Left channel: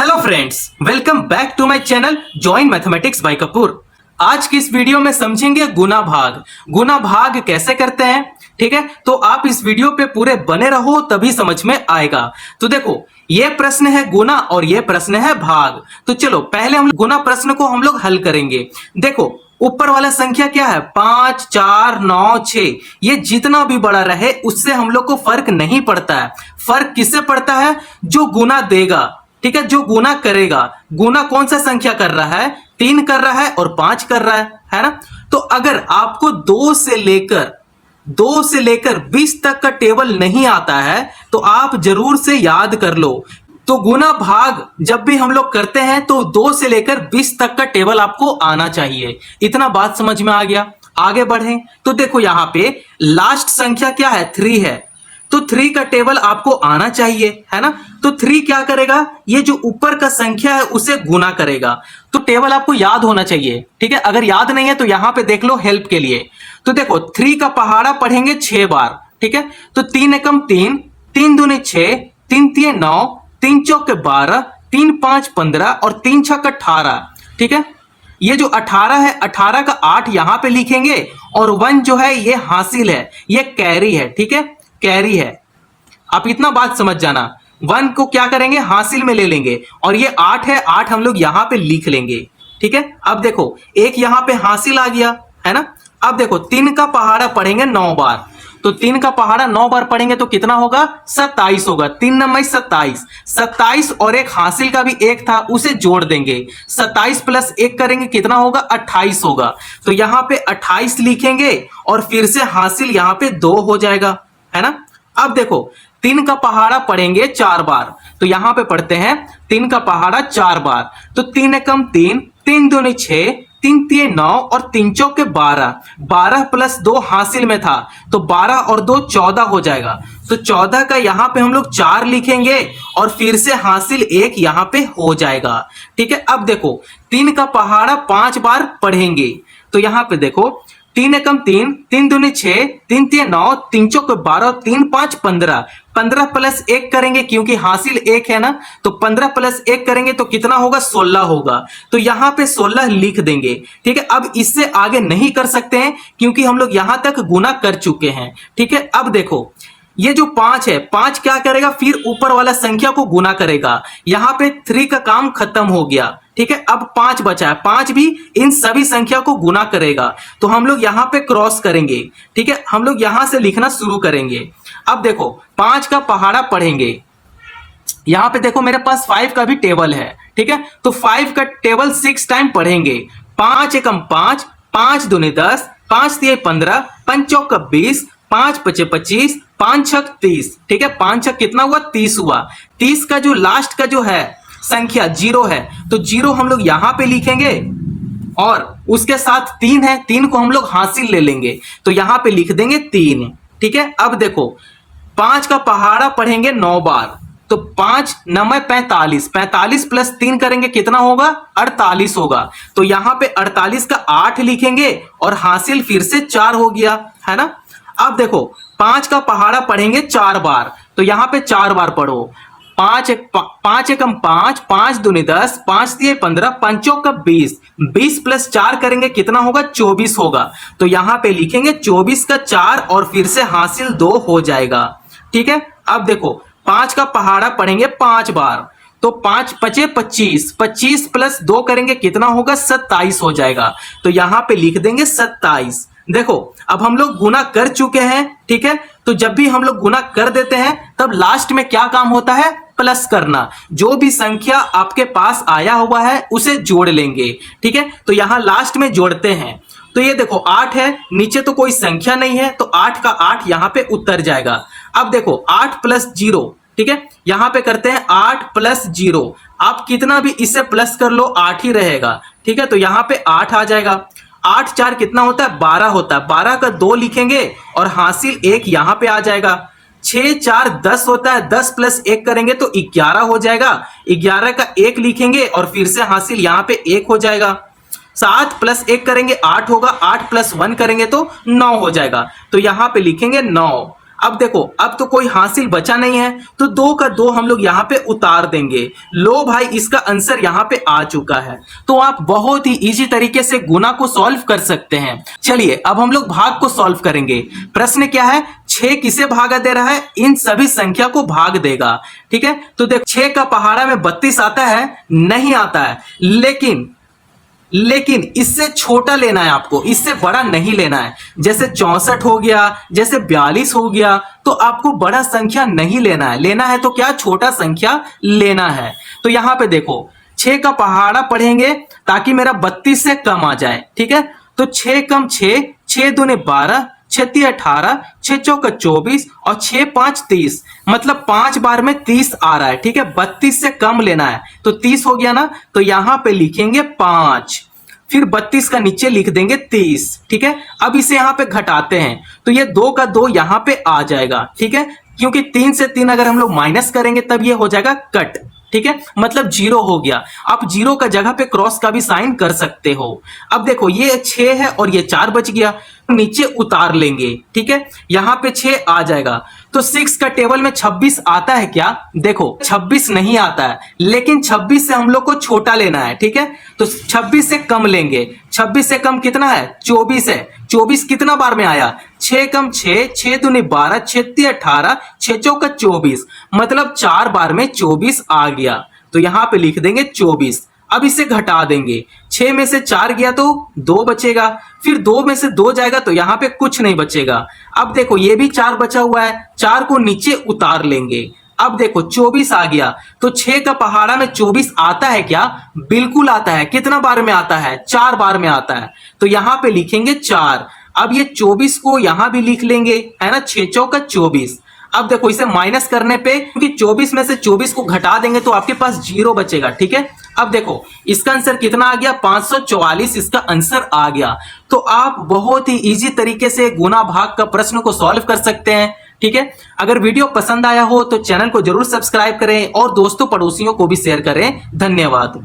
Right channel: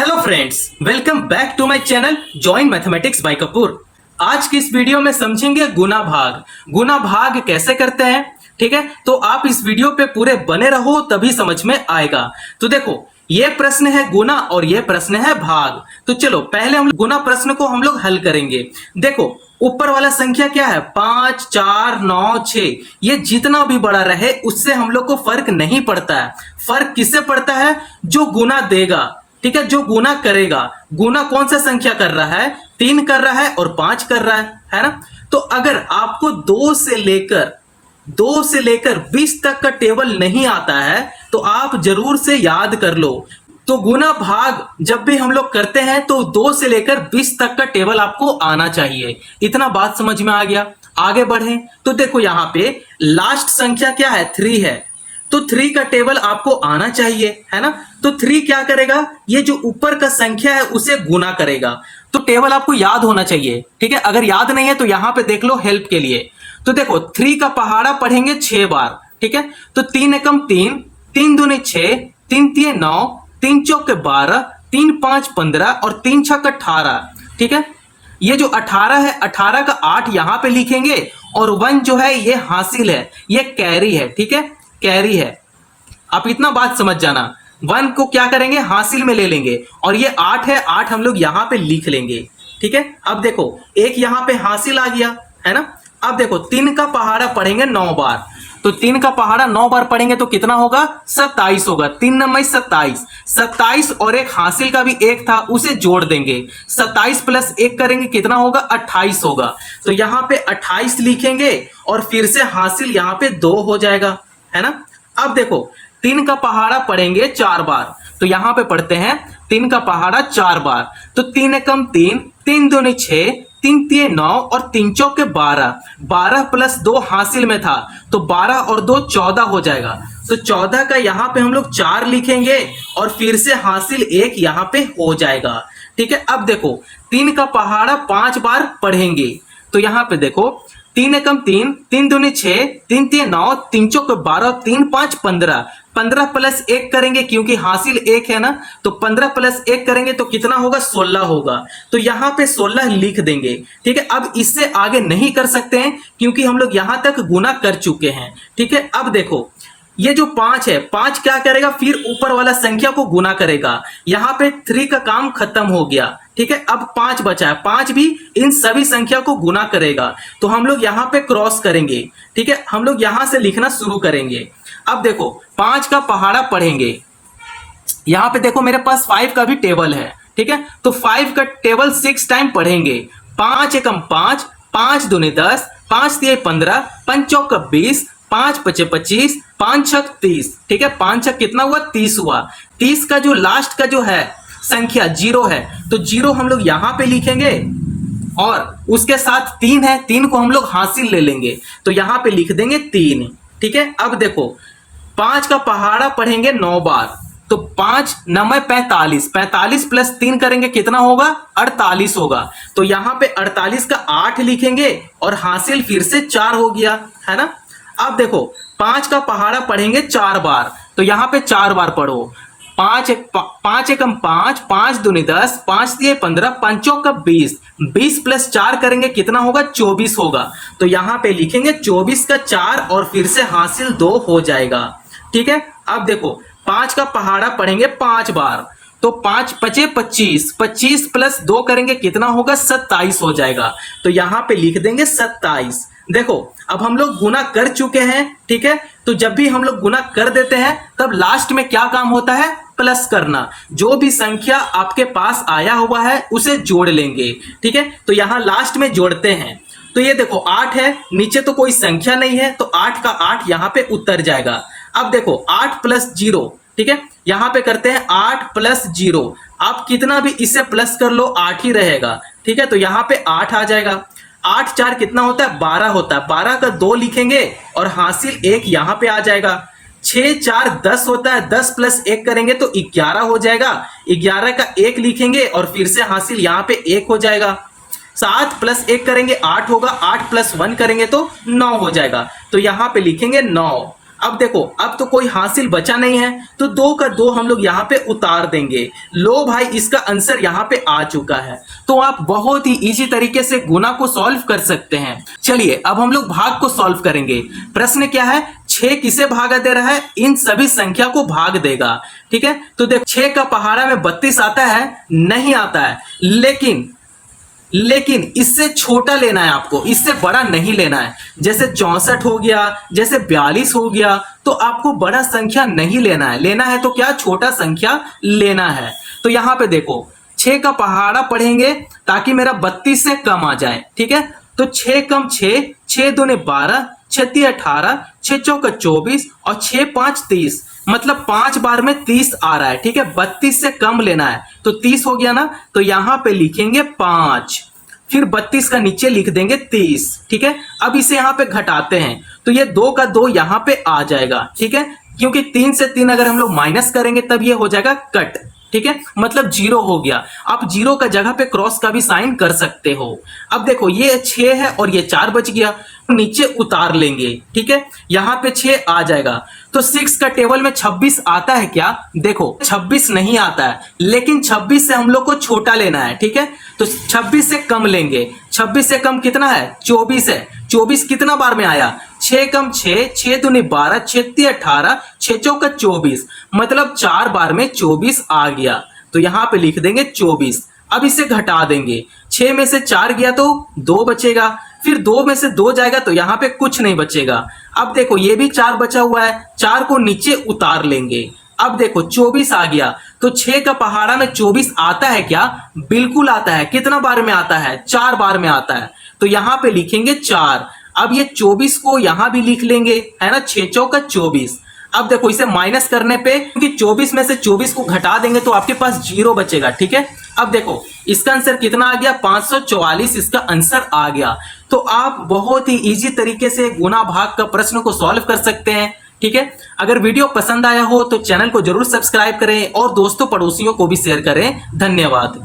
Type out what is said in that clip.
Hello friends, welcome back to my channel join mathematics by Kapoor. आज की इस video में समझेंगे गुना भाग। गुना भाग कैसे करते हैं, ठीक है। तो आप इस वीडियो पे पूरे बने रहो, तभी समझ में आएगा। तो देखो, ये प्रश्न है गुना और ये प्रश्न है भाग। तो चलो पहले हम गुना प्रश्न को हम लोग हल करेंगे। देखो, ऊपर वाला संख्या क्या है, 5, 4, 9, 6। ये जितना भी बड़ा रहे उससे हम लोग को फर्क नहीं पड़ता है। फर्क किससे पड़ता है? जो गुना देगा, ठीक है, जो गुना करेगा। गुना कौन सा संख्या कर रहा है? 3 कर रहा है और 5 कर रहा है ना। तो अगर आपको 2 से लेकर 20 तक का टेबल नहीं आता है तो आप जरूर से याद कर लो। तो गुना भाग जब भी हम लोग करते हैं तो 2 से लेकर 20 तक का टेबल आपको आना चाहिए। इतना बात समझ में आ गया। आगे बढ़े तो देखो, यहां पे लास्ट संख्या क्या है, 3 है। तो 3 का टेबल आपको आना चाहिए, है ना। तो 3 क्या करेगा, ये जो ऊपर का संख्या है उसे गुना करेगा। तो टेबल आपको याद होना चाहिए, ठीक है। अगर याद नहीं है तो यहां पे देख लो हेल्प के लिए। तो देखो, 3 का पहाड़ा पढ़ेंगे 6 बार, ठीक है। तो 3 एकम 3, 3 दूनी 6, 3 तिये 9, 3 चौके 12, 3 5 15 और 3 छक 18, ठीक है। ये जो 18 है, 18 का 8 यहां पे लिखेंगे और 1 जो है ये हासिल है, ये कैरी है, ठीक है, कैरी है। आप इतना बात समझ जाना। 1 को क्या करेंगे, हासिल में ले लेंगे और ये 8 है, 8 हम लोग यहां पे लिख लेंगे, ठीक है। अब देखो, एक यहां पे हासिल आ गया, है ना। अब देखो, 3 का पहाड़ा पढ़ेंगे 9 बार। तो 3 का पहाड़ा 9 बार पढ़ेंगे तो कितना होगा, 27 होगा। 3 9 27, 27 और एक हासिल का भी 1 था, उसे जोड़ देंगे। 27 प्लस 1 करेंगे कितना होगा, 28 होगा। तो यहां पे 28 लिखेंगे और फिर से हासिल यहां पे 2 हो जाएगा, है ना। अब देखो, 3 का पहाड़ा पढ़ेंगे 4 बार। तो यहां पे पढ़ते हैं 3 का पहाड़ा 4 बार। तो 3 एकम 3, 3 दूनी 6, 3 तिये 9 और 3 चौके 12। 12 प्लस 2 हासिल में था तो 12 और 2 14 हो जाएगा। तो 14 का यहां पे हम लोग 4 लिखेंगे और फिर से हासिल 1 यहां पे हो जाएगा, ठीक है। अब देखो, 3 का पहाड़ा 5 बार पढ़ेंगे। तो यहां पे देखो, 3 एकम 3, 3 दूनी 6, 3 तिये 9, 3 चौके 12, 3 5 15। 15 प्लस 1 करेंगे क्योंकि हासिल 1 है ना। तो 15 प्लस 1 करेंगे तो कितना होगा, 16 होगा। तो यहां पे 16 लिख देंगे, ठीक है। अब इससे आगे नहीं कर सकते हैं क्योंकि हम लोग यहां तक गुना कर चुके हैं, ठीक है। अब देखो, ये जो 5 है, 5 क्या करेगा, फिर ऊपर वाला संख्या को गुना करेगा। यहां पे 3 का काम खत्म हो गया, ठीक है। अब 5 बचा है, 5 भी इन सभी संख्या को गुना करेगा। तो हम लोग यहां पे क्रॉस करेंगे, ठीक है। हम लोग यहां से लिखना शुरू करेंगे। अब देखो, 5 का पहाड़ा पढ़ेंगे। यहां पे देखो, मेरे पास 5 का भी टेबल है, ठीक है। तो 5 का टेबल 6 टाइम पढ़ेंगे। 5 एकम 5, 5 दूनी 10, 5 तिये 15, 5 चौक 20, 5 पचे 25, 5 छक 30, ठीक है। 5 छक कितना हुआ, 30 हुआ। 30 का जो लास्ट का जो है संख्या 0 है, तो 0 हम लोग यहां पे लिखेंगे और उसके साथ 3 है, 3 को हम लोग हासिल ले लेंगे। तो यहां पे लिख देंगे 3, ठीक है। अब देखो, 5 का पहाड़ा पढ़ेंगे 9 बार। तो 5 9 45, 45 प्लस 3 करेंगे कितना होगा, 48 होगा। तो यहां पे 48 का 8 लिखेंगे और हासिल फिर से 4 हो गया, है ना। अब देखो, 5 का पहाड़ा पढ़ेंगे 4 बार। तो यहां पे 4 बार पढ़ो। 5 एकम 5, 5 दूनी 10, 5 तिये 15, 5 चौक 20, 20 प्लस 4 करेंगे कितना होगा, 24 होगा। तो यहां पे लिखेंगे 24 का 4 और फिर से हासिल 2 हो जाएगा, ठीक है। अब देखो, 5 का पहाड़ा पढ़ेंगे 5 बार। तो 5 पचे 25, 25 प्लस 2 करेंगे कितना होगा, 27 हो जाएगा। तो यहां पे लिख देंगे 27। देखो, अब हम लोग गुना कर चुके हैं, ठीक है। तो जब भी हम लोग गुना कर देते हैं तब लास्ट में क्या काम होता है, प्लस करना। जो भी संख्या आपके पास आया हुआ है उसे जोड़ लेंगे, ठीक है। तो यहां लास्ट में जोड़ते हैं। तो ये देखो, 8 है, नीचे तो कोई संख्या नहीं है तो 8 का 8 यहां पे उतर जाएगा। अब देखो, 8 प्लस 0, ठीक है। यहां पे करते हैं 8 प्लस 0। आप कितना भी इसे प्लस कर लो 8 ही रहेगा, ठीक है। तो यहां पे 8 आ जाएगा। 8 4 कितना होता है, 12 होता है। 12 का 2 लिखेंगे और हासिल 1 यहां पे आ जाएगा। 6 4 10 होता है, 10 प्लस 1 करेंगे तो 11 हो जाएगा। 11 का 1 लिखेंगे और फिर से हासिल यहां पे 1 हो जाएगा। 7 प्लस 1 करेंगे 8 होगा, 8 प्लस 1 करेंगे तो 9 हो जाएगा। तो यहां पे लिखेंगे 9। अब देखो, अब तो कोई हासिल बचा नहीं है, तो 2 का 2 हम लोग यहाँ पे उतार देंगे। लो भाई, इसका आंसर यहाँ पे आ चुका है। तो आप बहुत ही इजी तरीके से गुना को सॉल्व कर सकते हैं। चलिए अब हम लोग भाग को सॉल्व करेंगे। प्रश्न क्या है, 6 किसे भागा दे रहा है? इन सभी संख्या को भाग देगा। ठीक है, तो देख 6 का पहाड़ा में 32 आता है? नहीं आता है, लेकिन इससे छोटा लेना है आपको, इससे बड़ा नहीं लेना है। जैसे 64 हो गया, जैसे 42 हो गया, तो आपको बड़ा संख्या नहीं लेना है। लेना है तो क्या, छोटा संख्या लेना है। तो यहां पे देखो 6 का पहाड़ा पढ़ेंगे ताकि मेरा 32 से कम आ जाए। ठीक है, तो 6 कम 6, 6 दूने 12, 6 तिया 18, 6 चौका 24 और 6 5 30, मतलब 5 बार में 30 आ रहा है। ठीक है, 32 से कम लेना है, तो 30 हो गया ना, तो यहां पे लिखेंगे 5, फिर 32 का नीचे लिख देंगे 30। ठीक है, अब इसे यहां पे घटाते हैं, तो ये 2 का 2 यहां पे आ जाएगा। ठीक है, क्योंकि 3 से 3 अगर हम लोग माइनस करेंगे तब ये हो जाएगा कट। ठीक है, मतलब 0 हो गया। आप 0 का जगह पे क्रॉस का भी साइन कर सकते हो। अब देखो ये 6 है और ये 4 बच गया, नीचे उतार लेंगे। ठीक है, यहां पे 6 आ जाएगा। तो 6 का टेबल में 26 आता है क्या? देखो 26 नहीं आता है, लेकिन 26 से हम लोग को छोटा लेना है। ठीक है, तो 26 से कम लेंगे। 26 से कम कितना है? 24 है। 24 कितना बार में आया? 6 कम 6, 6 दूनी 12, 6 तिया 18, 6 चौका 24, मतलब 4 बार में 24 आ गया। तो यहां पे लिख देंगे 24। अब इसे घटा देंगे, 6 में से 4 गया तो 2 बचेगा, फिर 2 में से 2 जाएगा तो यहां पे कुछ नहीं बचेगा। अब देखो ये भी 4 बचा हुआ है, 4 को नीचे उतार लेंगे। अब देखो 24 आ गया, तो 6 का पहाड़ा में 24 आता है क्या? बिल्कुल आता है। कितना बार में आता है? 4 बार में आता है, तो यहां पे लिखेंगे 4। अब ये 24 को यहां भी लिख लेंगे, है ना, 6 चौका 24। अब देखो इसे माइनस करने पे, क्योंकि 24 में से 24 को घटा देंगे तो आपके पास 0 बचेगा। ठीक है, अब देखो इसका आंसर कितना आ गया? 544 इसका आंसर आ गया। तो आप बहुत ही इजी तरीके से गुना भाग का प्रश्न को सॉल्व कर सकते हैं। ठीक है, अगर वीडियो पसंद आया हो तो चैनल को जरूर सब्सक्राइब करें और दोस्तों पड़ोसियों को भी शेयर करें। धन्यवाद।